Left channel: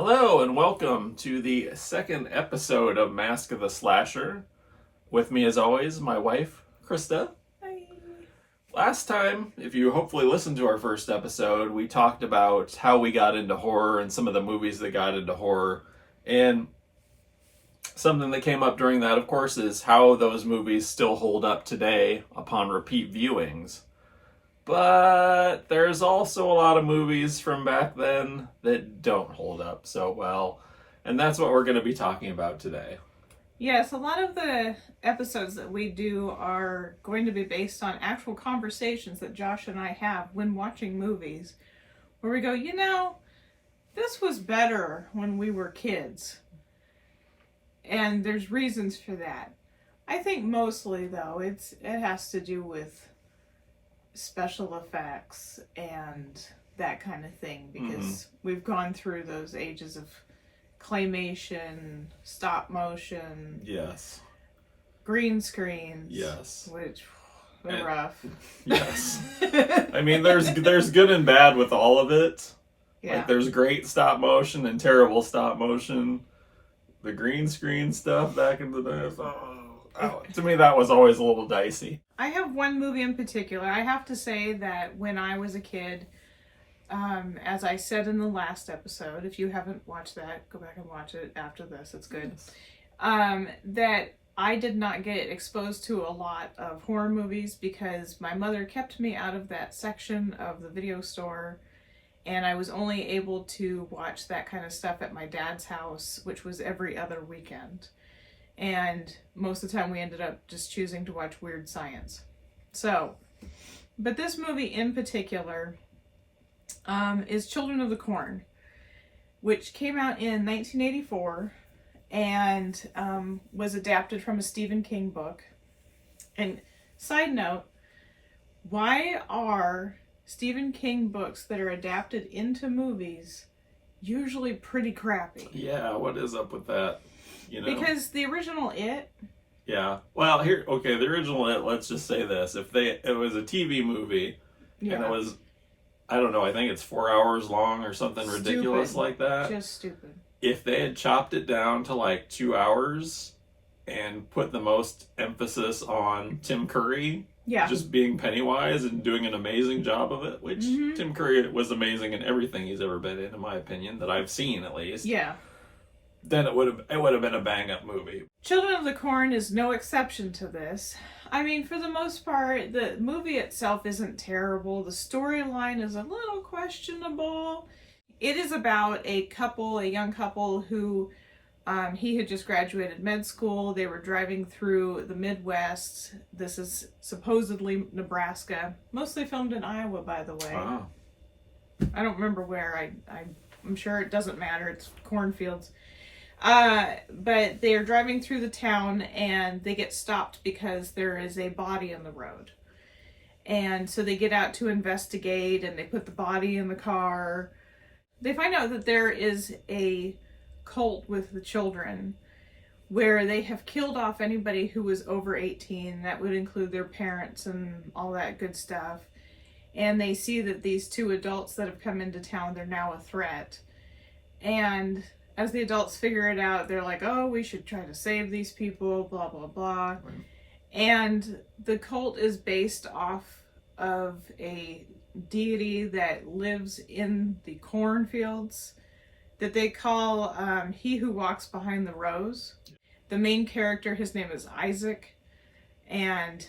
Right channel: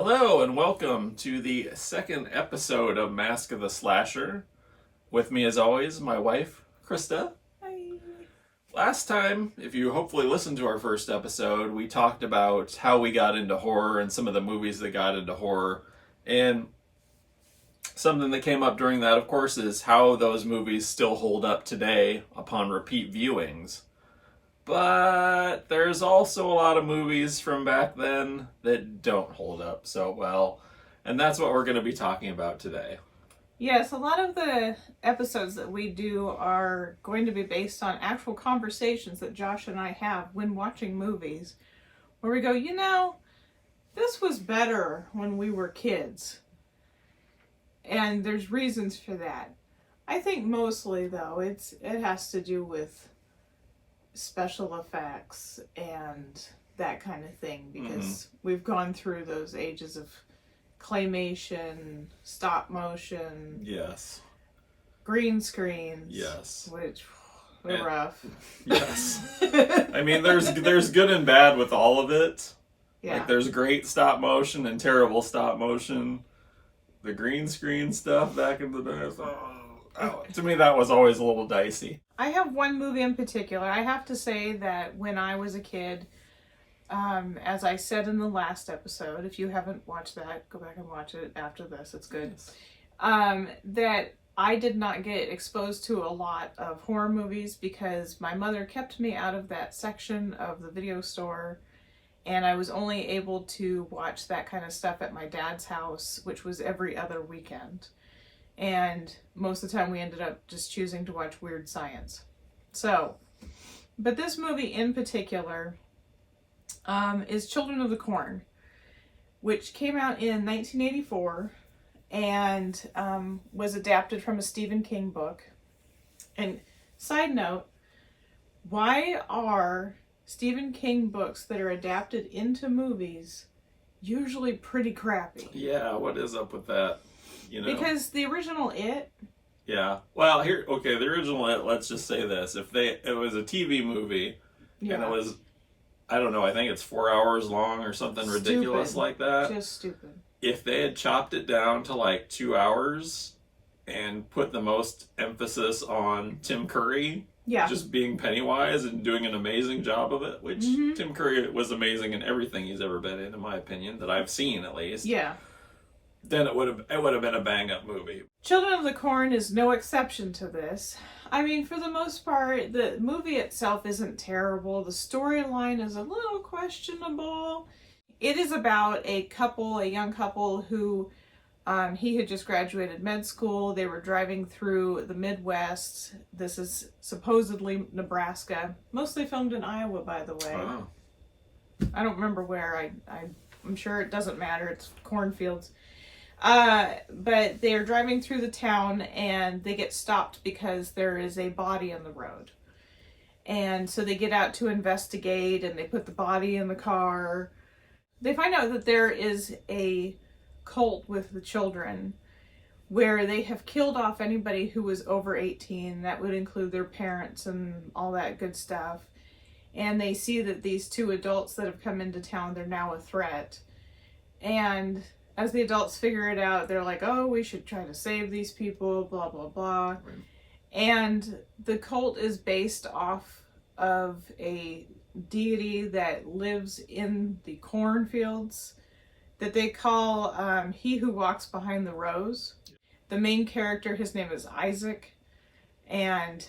Hello and welcome to the second episode of Mask of the Slasher. With me as always, my wife, Krista. Hi. Last time, if you hopefully listened to our first episode, we talked about how we got into horror and some of the movies that got into horror. And something that came up during that, of course, is how those movies still hold up today upon repeat viewings. But there's also a lot of movies from back then that don't hold up so well. And that's what we're going to be talking about today. Yes, a lot of the episodes that we do are going to be based on actual conversations that Josh and I have when watching movies, where we go, this was better when we were kids. And there's reasons for that. I think mostly, though, it has to do with special effects and that kind of thing, because we've gone through those ages of claymation, stop motion, Yes. green screens, Yes. which were rough. Yes. I mean, there's good and bad with all of it. Yeah. Like, there's great stop motion and terrible stop motion. The green screen stuff back in the day, to me, that was always a little dicey. I have one movie in particular. I have to say that when I was a kid, as I said in the last episode, if you haven't watched that, go back and watch it after this. It's good. Yes. That I did not get exposed to a lot of horror movies because my mother kept me out of that section of the video store, and I was only able to watch that kind of stuff at my dad's house, which was every other weekend. And most of the time we ended up just choosing to watch Weird Science. So, but this movie in particular is Children of the Corn, which came out in 1984 and was adapted from a Stephen King book. And side note, why are Stephen King books that are adapted into movies usually pretty crappy? Yeah, what is up with that? Because the original It. Yeah. Well, the original It, let's just say this. If it was a TV movie, and it was, I don't know, I think it's 4 hours long or something ridiculous like that. Just stupid. If they had chopped it down to like 2 hours and put the most emphasis on Tim Curry just being Pennywise and doing an amazing job of it, which Tim Curry was amazing in everything he's ever been in my opinion, that I've seen at least. Yeah. Then it would have been a bang-up movie. Children of the Corn is no exception to this. I mean, for the most part, the movie itself isn't terrible. The storyline is a little questionable. It is about a young couple who, he had just graduated med school. They were driving through the Midwest. This is supposedly Nebraska. Mostly filmed in Iowa, by the way. Wow. I don't remember where. I'm sure it doesn't matter. It's cornfields. But they are driving through the town and they get stopped because there is a body on the road. And so they get out to investigate and they put the body in the car. They find out that there is a cult with the children where they have killed off anybody who was over 18. That would include their parents and all that good stuff. And they see that these two adults that have come into town, they're now a threat. And as the adults figure it out, they're like, oh, we should try to save these people, blah, blah, blah. Right. And the cult is based off of a deity that lives in the cornfields that they call He Who Walks Behind the Rose. The main character, his name is Isaac, and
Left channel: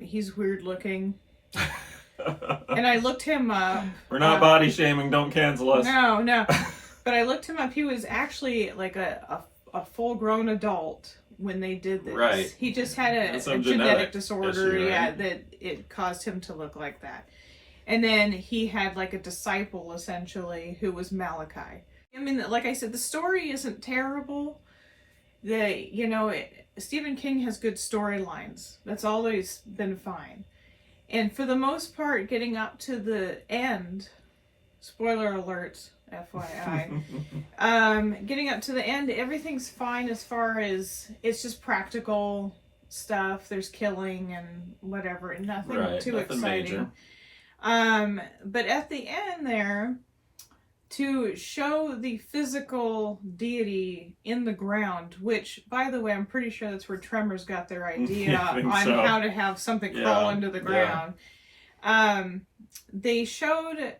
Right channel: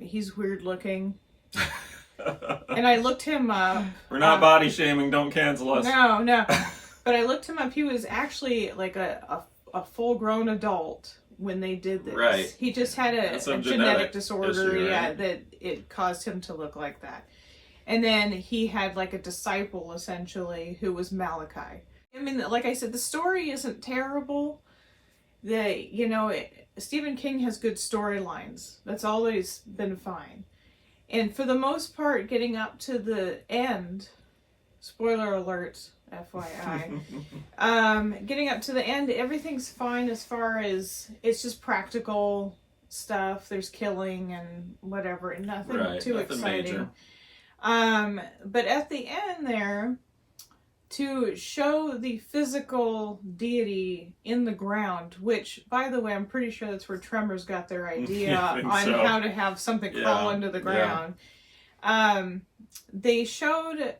he's weird looking. And I looked him up. We're not body shaming, don't cancel us. No. But I looked him up. He was actually like a full-grown adult when they did this. Right. He just had a genetic disorder, issue, right? That it caused him to look like that. And then he had like a disciple, essentially, who was Malachi. I mean, like I said, the story isn't terrible. Stephen King has good storylines. That's always been fine. And for the most part, getting up to the end, spoiler alert, FYI, getting up to the end, everything's fine as far as it's just practical stuff. There's killing and whatever, and nothing exciting. Major. But at the end there, to show the physical deity in the ground, which, by the way, I'm pretty sure that's where Tremors got their idea I on think so. how to have something crawl into the ground. They showed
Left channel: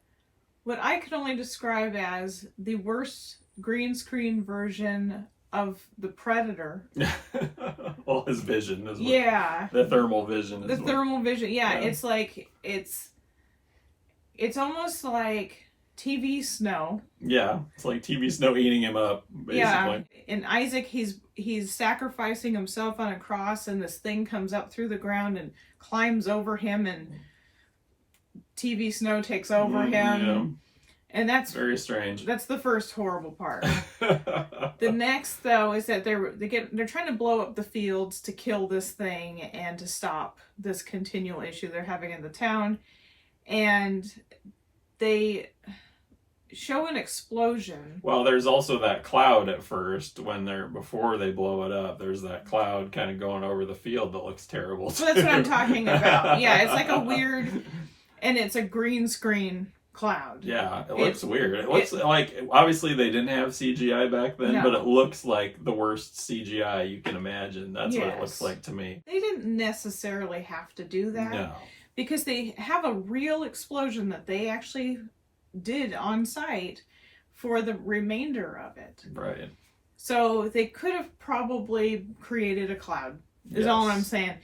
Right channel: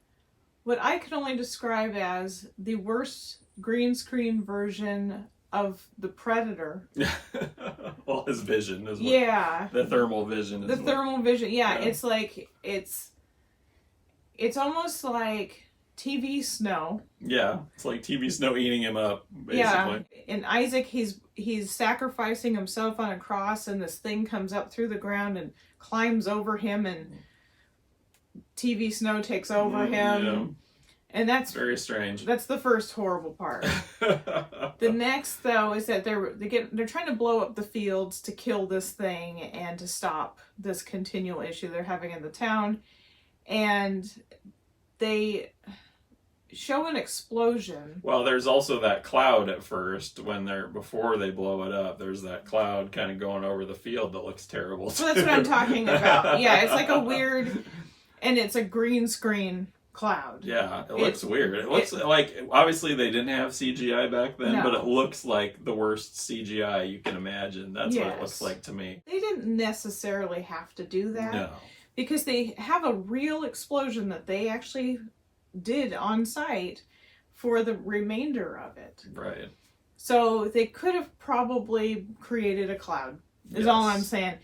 what I could only describe as the worst green screen version of the Predator. Well, his vision is what, Yeah. the thermal vision is The what, thermal vision. Yeah, Yeah. it's like, it's almost like TV snow. yeah, it's like TV snow eating him up, basically. Yeah, and Isaac, he's sacrificing himself on a cross, and this thing comes up through the ground and climbs over him, and TV snow takes over him, Yeah. and that's Very strange. That's the first horrible part. The next, though, is that they're trying to blow up the fields to kill this thing and to stop this continual issue they're having in the town, and they show an explosion. Well, there's also that cloud at first before they blow it up. There's that cloud kind of going over the field that looks terrible. So that's what I'm talking about. Yeah, it's like a weird, and it's a green screen cloud. Yeah, it looks weird. It looks like, obviously they didn't have CGI back then, No. but it looks like the worst CGI you can imagine. That's what it Yes. looks like to me. They didn't necessarily have to do that. No. Because they have a real explosion that they actually did on site for the remainder of it. Right. So they could have probably created a cloud, is all I'm saying.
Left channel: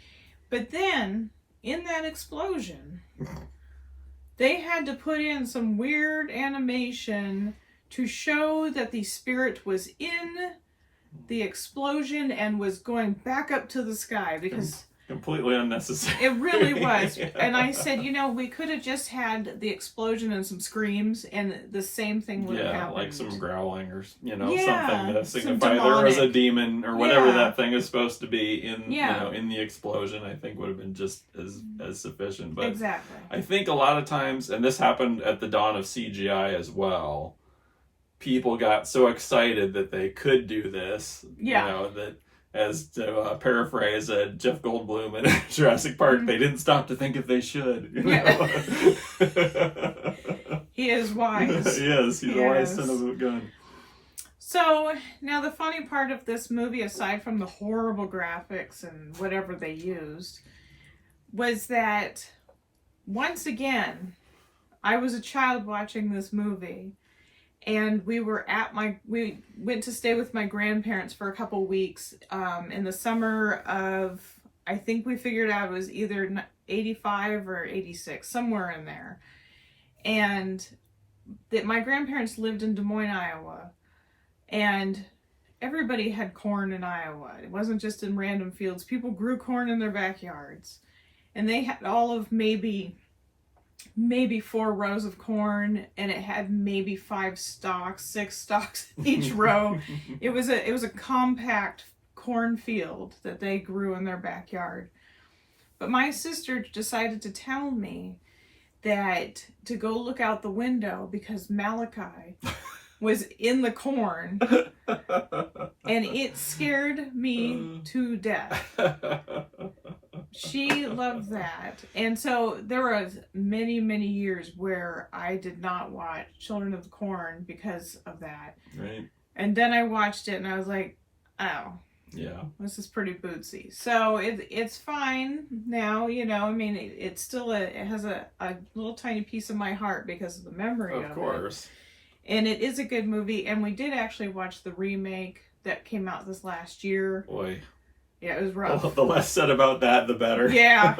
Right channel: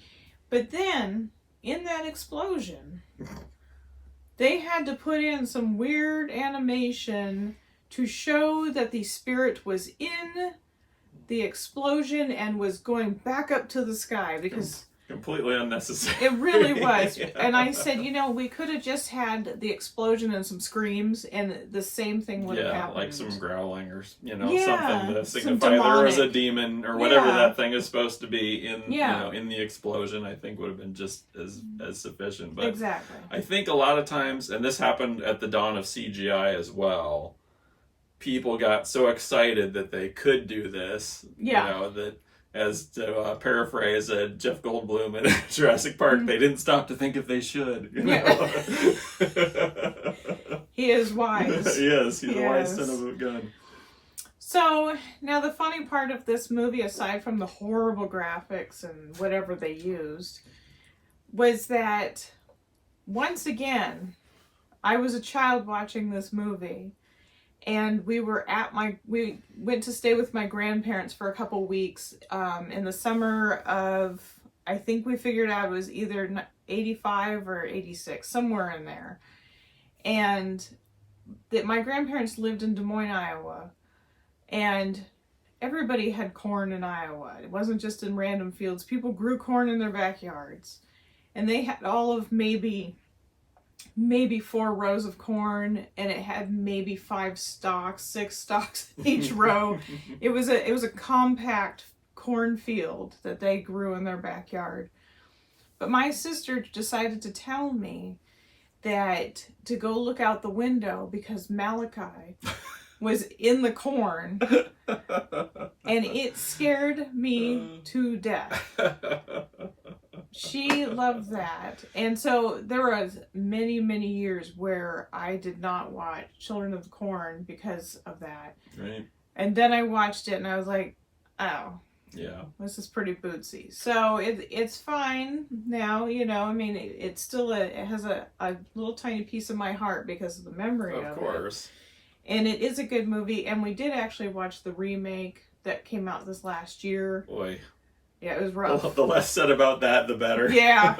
But then, in that explosion, they had to put in some weird animation to show that the spirit was in the explosion and was going back up to the sky, because Completely unnecessary. it really was. And I said, we could have just had the explosion and some screams, and the same thing would have happened. Like some growling or Yeah, something to some signify there was a demonic. demon or whatever Yeah. that thing is supposed to be in Yeah. in the explosion. I think would have been just as sufficient. But Exactly. I think a lot of times, and this happened at the dawn of CGI as well, people got so excited that they could do this. Yeah. That, as to paraphrase Jeff Goldblum in Jurassic Park, they didn't stop to think if they should. He is wise. Yes, he's a wise Yes. son of a gun. So, now the funny part of this movie, aside from the horrible graphics and whatever they used, was that, once again, I was a child watching this movie, and we went to stay with my grandparents for a couple weeks in the summer of, I think we figured out it was either 85 or 86, somewhere in there. And that my grandparents lived in Des Moines, Iowa, and everybody had corn in Iowa. It wasn't just in random fields. People grew corn in their backyards, and they had all of maybe 4 rows of corn, and it had maybe 6 stalks in each row. It was a compact cornfield that they grew in their backyard. But my sister decided to tell me that to go look out the window because Malachi was in the corn, and it scared me to death. She loved that. And so there was many, many years where I did not watch Children of the Corn because of that. Right. And then I watched it and I was like, oh, Yeah. this is pretty bootsy. So it's fine now, I mean, it's still it has a little tiny piece of my heart because of the memory of it. Of course. And it is a good movie. And we did actually watch the remake that came out this last year. Boy. Yeah, it was rough. The less said about that, the better. Yeah,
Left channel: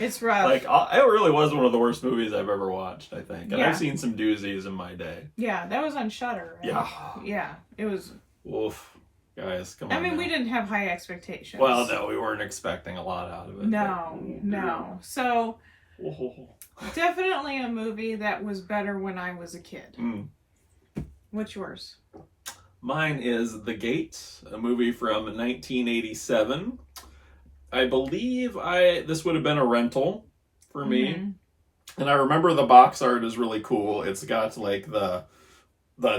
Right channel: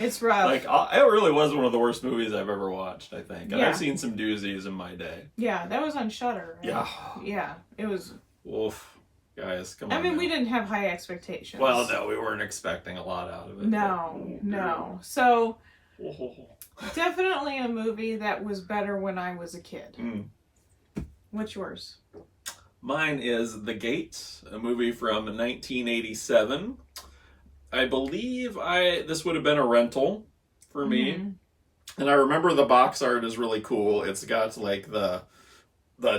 it's rough. Like, it really was one of the worst movies I've ever watched, I think. And Yeah. I've seen some doozies in my day. Yeah, that was on Shudder. Right? Yeah. Yeah, it was. Oof. Guys, come on. I mean, now. we didn't have high expectations. Well, no, we weren't expecting a lot out of it. No. So, but- definitely a movie that was better when I was a kid. Mm. What's yours? Mine is The Gate, a movie from 1987. I believe this would have been a rental for me. Mhm. And I remember the box art is really cool. It's got like the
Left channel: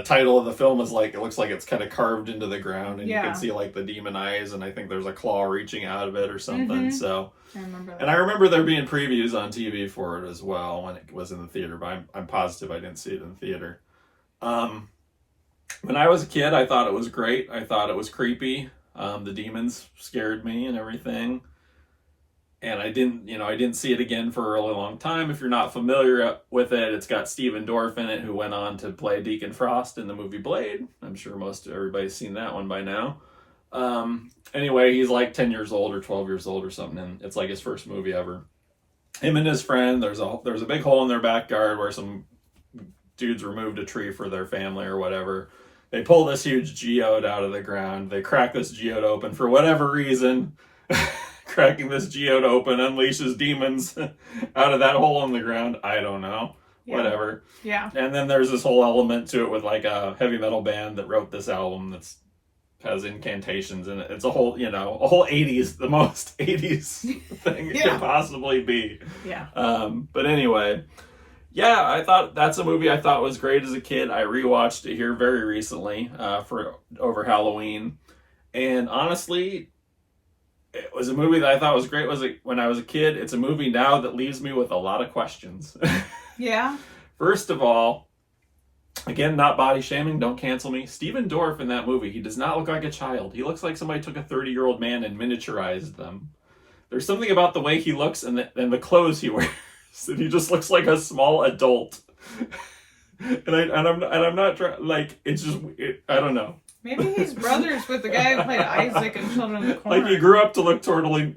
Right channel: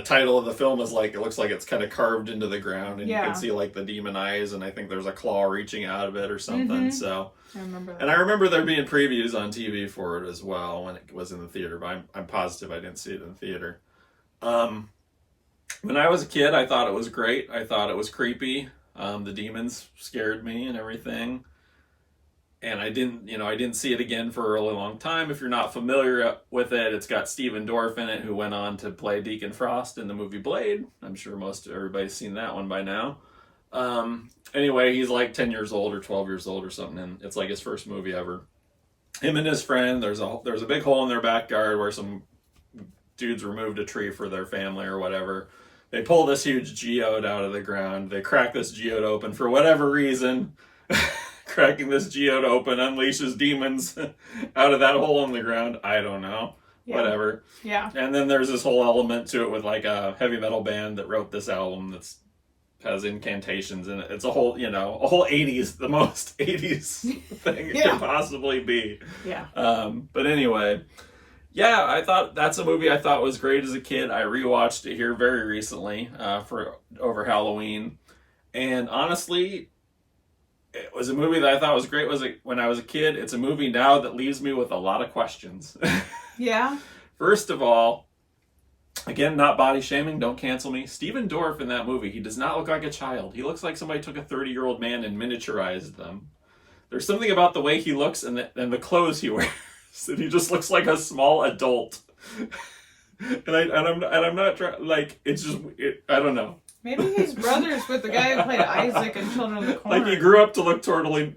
title of the film is like, it looks like it's kind of carved into the ground, and you Yeah. can see like the demon eyes, and I think there's a claw reaching out of it or something. Mhm. So, I remember that. and I remember there being previews on TV for it as well when it was in the theater, but I'm positive I didn't see it in the theater. When I was a kid, I thought it was great. I thought it was creepy. The demons scared me and everything. And I didn't see it again for a really long time. If you're not familiar with it, it's got Stephen Dorff in it, who went on to play Deacon Frost in the movie Blade. I'm sure everybody's seen that one by now. Anyway, he's like 10 years old or 12 years old or something, and it's like his first movie ever. Him and his friend, there's a big hole in their backyard where some dudes removed a tree for their family or whatever. They pull this huge geode out of the ground. They crack this geode open for whatever reason. Cracking this geode open unleashes demons out of that hole in the ground. I don't know. Yeah. Whatever. Yeah. And then there's this whole element to it with like a heavy metal band that wrote this album that's has incantations in it. It's a whole 80s, the most 80s thing it could possibly be. Yeah. But anyway, yeah, I thought that's a movie I thought was great as a kid. I rewatched it here very recently for over Halloween. And honestly, it was a movie that I thought was great when I was a kid. It's a movie now that leaves me with a lot of questions. Yeah. First of all, again, not body shaming, don't cancel me. Stephen Dorff in that movie, he does not look like a child. He looks like somebody took a 30-year-old man and miniaturized them. There's something about the way he looks and the clothes he wears that he just looks like a small adult. and I'm not trying, like, it's just, I don't know. Maybe he's brothers with the guy who played Isaac in Children of the Corn. Like, he grew up to look totally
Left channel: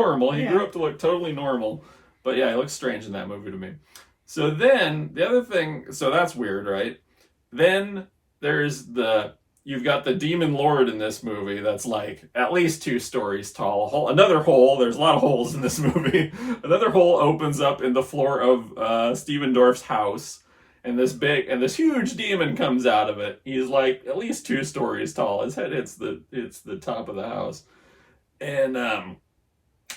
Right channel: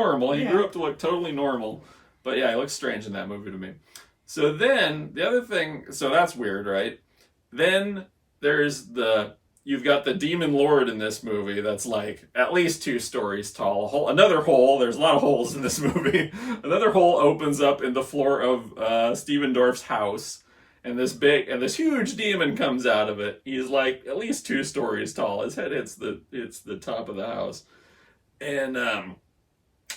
normal. He grew up to look totally normal. But yeah, he looks strange in that movie to me. So then, the other thing, so that's weird, right? Then you've got the demon lord in this movie that's like at least 2 stories tall. Another hole, there's a lot of holes in this movie. Another hole opens up in the floor of Stephen Dorff's house. And this huge demon comes out of it. He's like at least 2 stories tall. His head hits the top of the house. And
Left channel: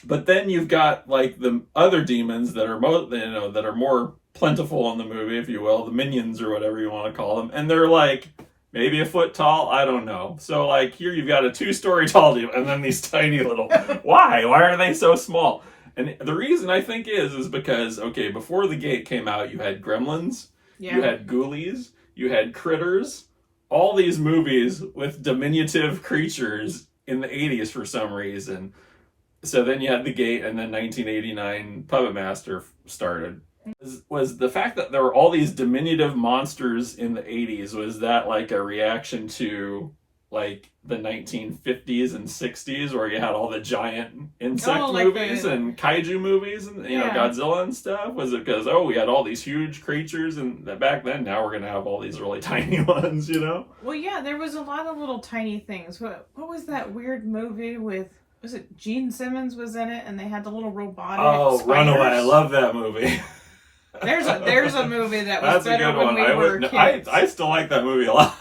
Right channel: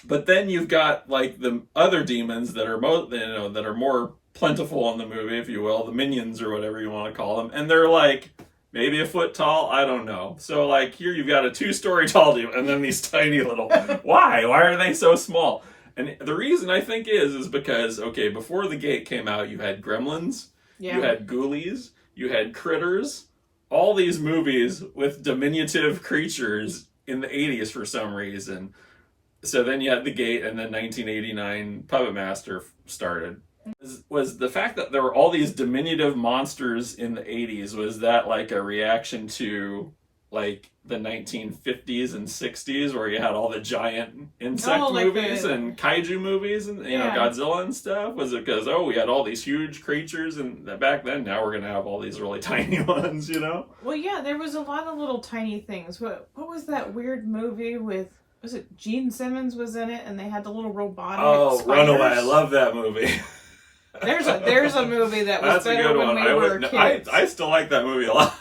but then you've got like the other demons that are that are more plentiful in the movie, if you will, the minions or whatever you want to call them, and they're like maybe a foot tall. I don't know. So like here you've got a 2-story tall demon, and then these tiny little. Why are they so small? And the reason I think is because before the Gate came out, you had Gremlins, you had Ghoulies, you had Critters, all these movies with diminutive creatures in the 80s for some reason. So then you had the Gate, and then 1989 Puppet Master started. Was the fact that there were all these diminutive monsters in the 80s, was that like a reaction to like the 1950s and 60s where you had all the giant insect movies and kaiju movies and Godzilla and stuff? Was it because we had all these huge creatures and that back then, now we're gonna have all these really tiny ones, Well, yeah, there was a lot of little tiny things. What was that weird movie with, was it Gene Simmons was in it, and they had the little robotic spiders? Runaway. I love that movie. There's a movie that was better when we were kids. I still like that movie a lot,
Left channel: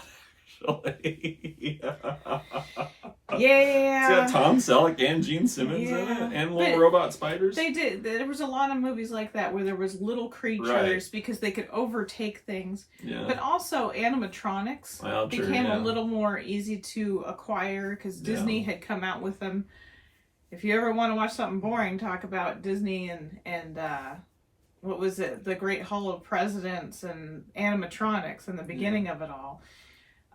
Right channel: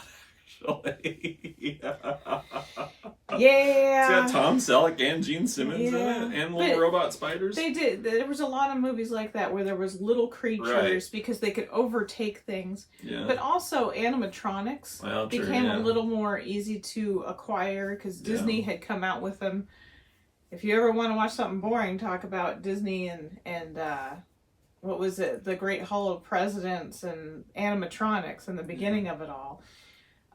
actually. Yeah. It's got Tom Selleck and Gene Simmons in it, and little robot spiders. They did. There was a lot of movies like that where there was little creatures because they could overtake things. Yeah. But also animatronics became a little more easy to acquire because Disney had come out with them. If you ever want to watch something boring, talk about Disney and what was it? The Great Hall of Presidents and animatronics and the beginning of it all.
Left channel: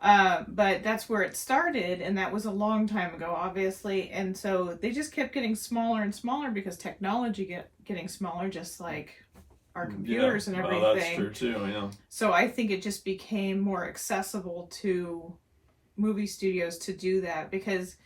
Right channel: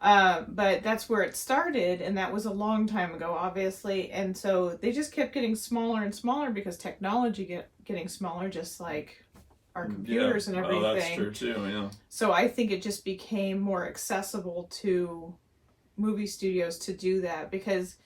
But that's where it started, and that was a long time ago, obviously. And so they just kept getting smaller and smaller because technology getting smaller, just like our computers and everything. Oh, that's true too, yeah. So I think it just became more accessible to movie studios to do that, because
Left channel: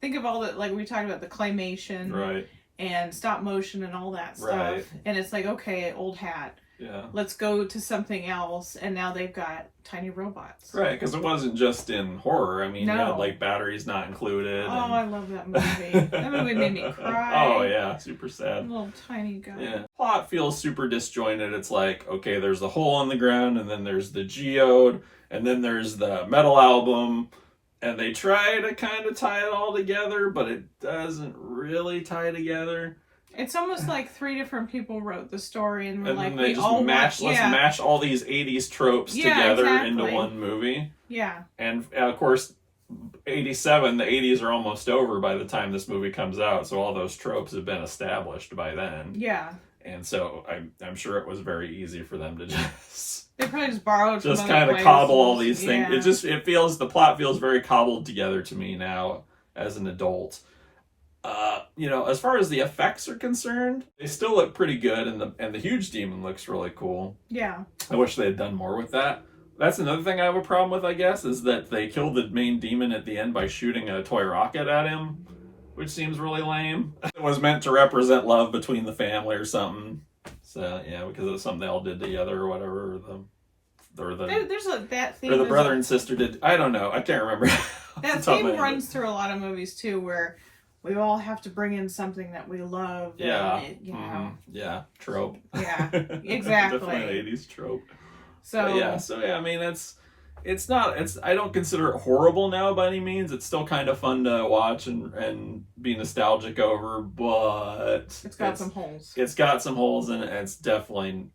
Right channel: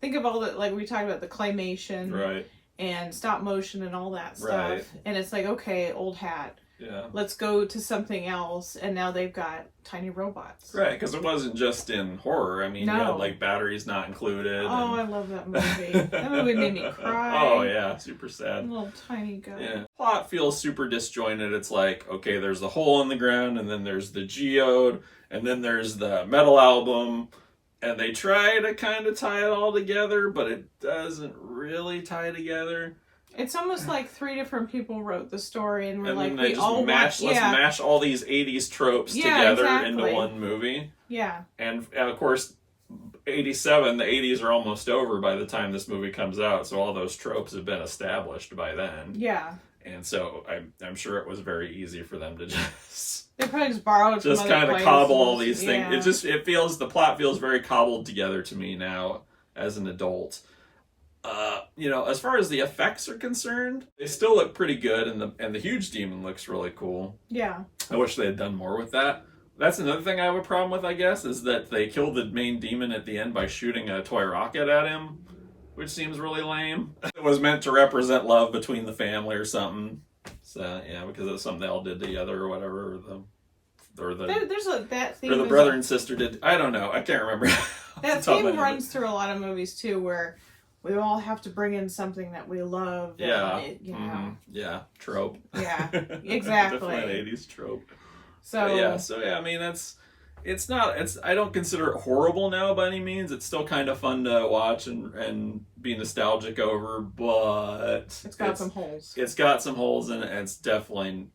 think of all that, like we talked about the claymation, right, and stop motion and all that stuff. Right. And it's like, okay, old hat. Yeah. Let's go to something else, and now they've got tiny robots. Right, because it wasn't just in horror. I mean, you had like batteries not included. Oh, I love that movie. That movie made me cry. Oh yeah, super sad. Little tiny guy. Yeah. Plot feels super disjointed. It's like, okay, there's the hole in the ground, and then there's the geode, and then there's the metal album, and they try to kind of tie it all together, but it doesn't really tie together. It's almost like 3 different people wrote the story, and let's mash all these 80s tropes together into one movie. Yeah. And of course, 87, the 80s are almost over by the time this movie comes out, so all those tropes have been established by then. Yeah. and so I'm sure it was very easy for them to just They probably just borrowed from other kind of places. cobble all these things. Yeah. The plot feels very cobbled together to me now as an adult. As far as the effects are concerned, they still look pretty good, and the huge demon looks really cool. Yeah. I wish they had done more with that. That's another thing I have a problem with, I guess, is that they killed the main demon at the end by shooting a toy rocket at him, which seems really lame. It was meant to represent love between the family or something. So yeah, because it's something they all did together or whatever, That theme. or the brother and sister did. I don't know. I can't remember. That theme runs through a lot of movies too, where we all have to bring in something that we love. Yeah. And Trope. Yeah, exactly. Definitely an 80s trope. So I mean, I don't consider it horrible now by any means. It's still kind of fun to watch and be nostalgic over, but it's got some holes. It's got some holes in it, and it's definitely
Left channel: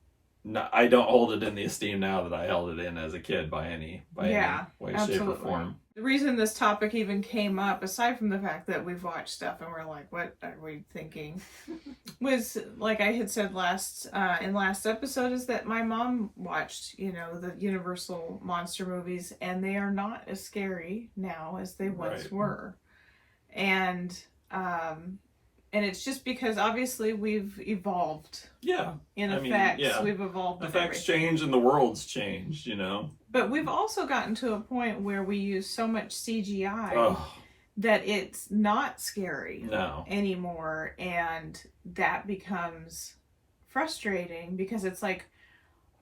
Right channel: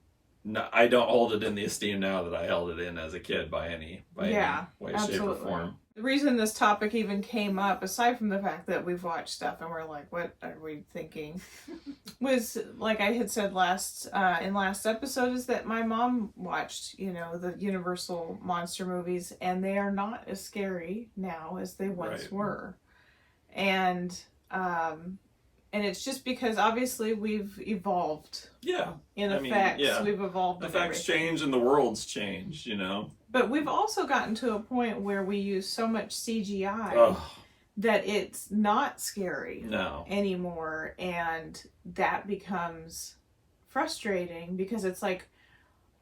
not, I don't hold it in the esteem now that I held it in as a kid by any way, absolutely. shape, or form. The reason this topic even came up, aside from the fact that we've watched stuff and we're like, what are we thinking? Was, like I had said in last episode, is that my mom watched, the Universal monster movies, and they are not as scary now as they once were. And it's just because obviously we've evolved. Yeah. In effects, we've evolved. Effects change and the world's changed, But we've also gotten to a point where we use so much CGI that it's not scary anymore. And that becomes frustrating because it's like,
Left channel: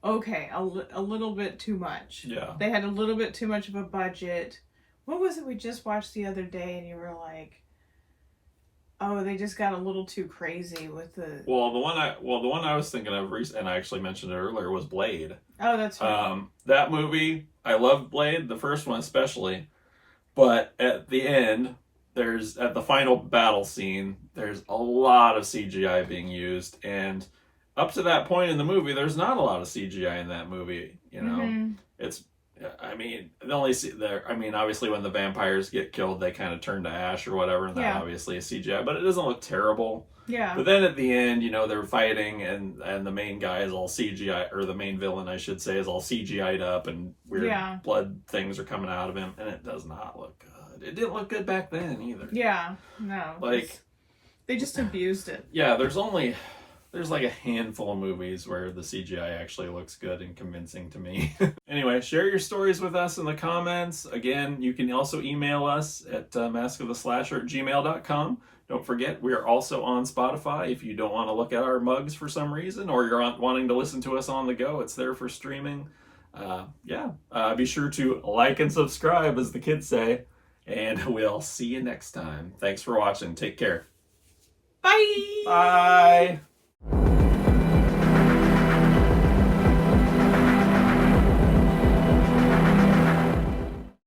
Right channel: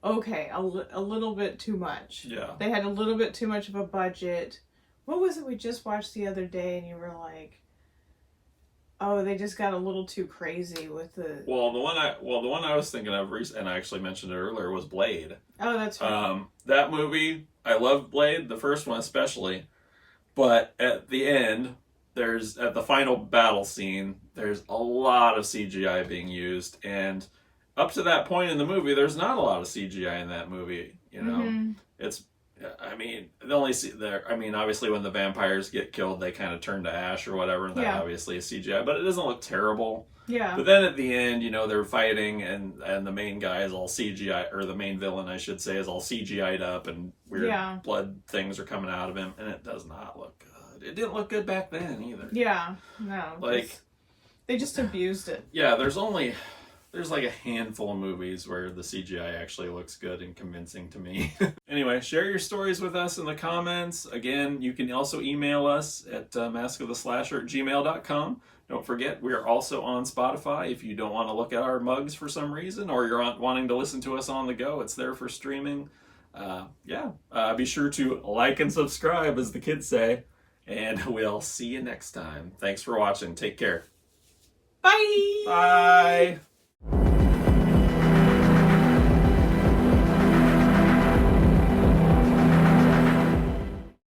okay, a little bit too much. Yeah. They had a little bit too much of a budget. What was it we just watched the other day and you were like, oh, they just got a little too crazy with the... Well, the one I was thinking of, and I actually mentioned it earlier, was Blade. Oh, that's right. That movie, I loved Blade, the first one especially, but at the end, at the final battle scene, there's a lot of CGI being used, and up to that point in the movie, there's not a lot of CGI in that movie, It's... obviously when the vampires get killed, they kind of turn to ash or whatever, and that obviously is CGI, but it doesn't look terrible. Yeah. But then at the end, they're fighting, and the main guy is all CGI, or the main villain, I should say, is all CGI'd up, and weird blood things are coming out of him, and it does not look good. It didn't look good back then either. Yeah, no. They just abused it. Yeah, there's like a handful of movies where the CGI actually looks good and convincing to me. Anyway, share your stories with us in the comments. Again, you can also email us at maskoftheslasher@gmail.com. Don't forget, we are also on Spotify. If you don't want to look at our mugs for some reason, or you're wanting to listen to us on the go, it's there for streaming. Be sure to like and subscribe, as the kids say, and we'll see you next time. Thanks for watching. Take care. Bye! Bye!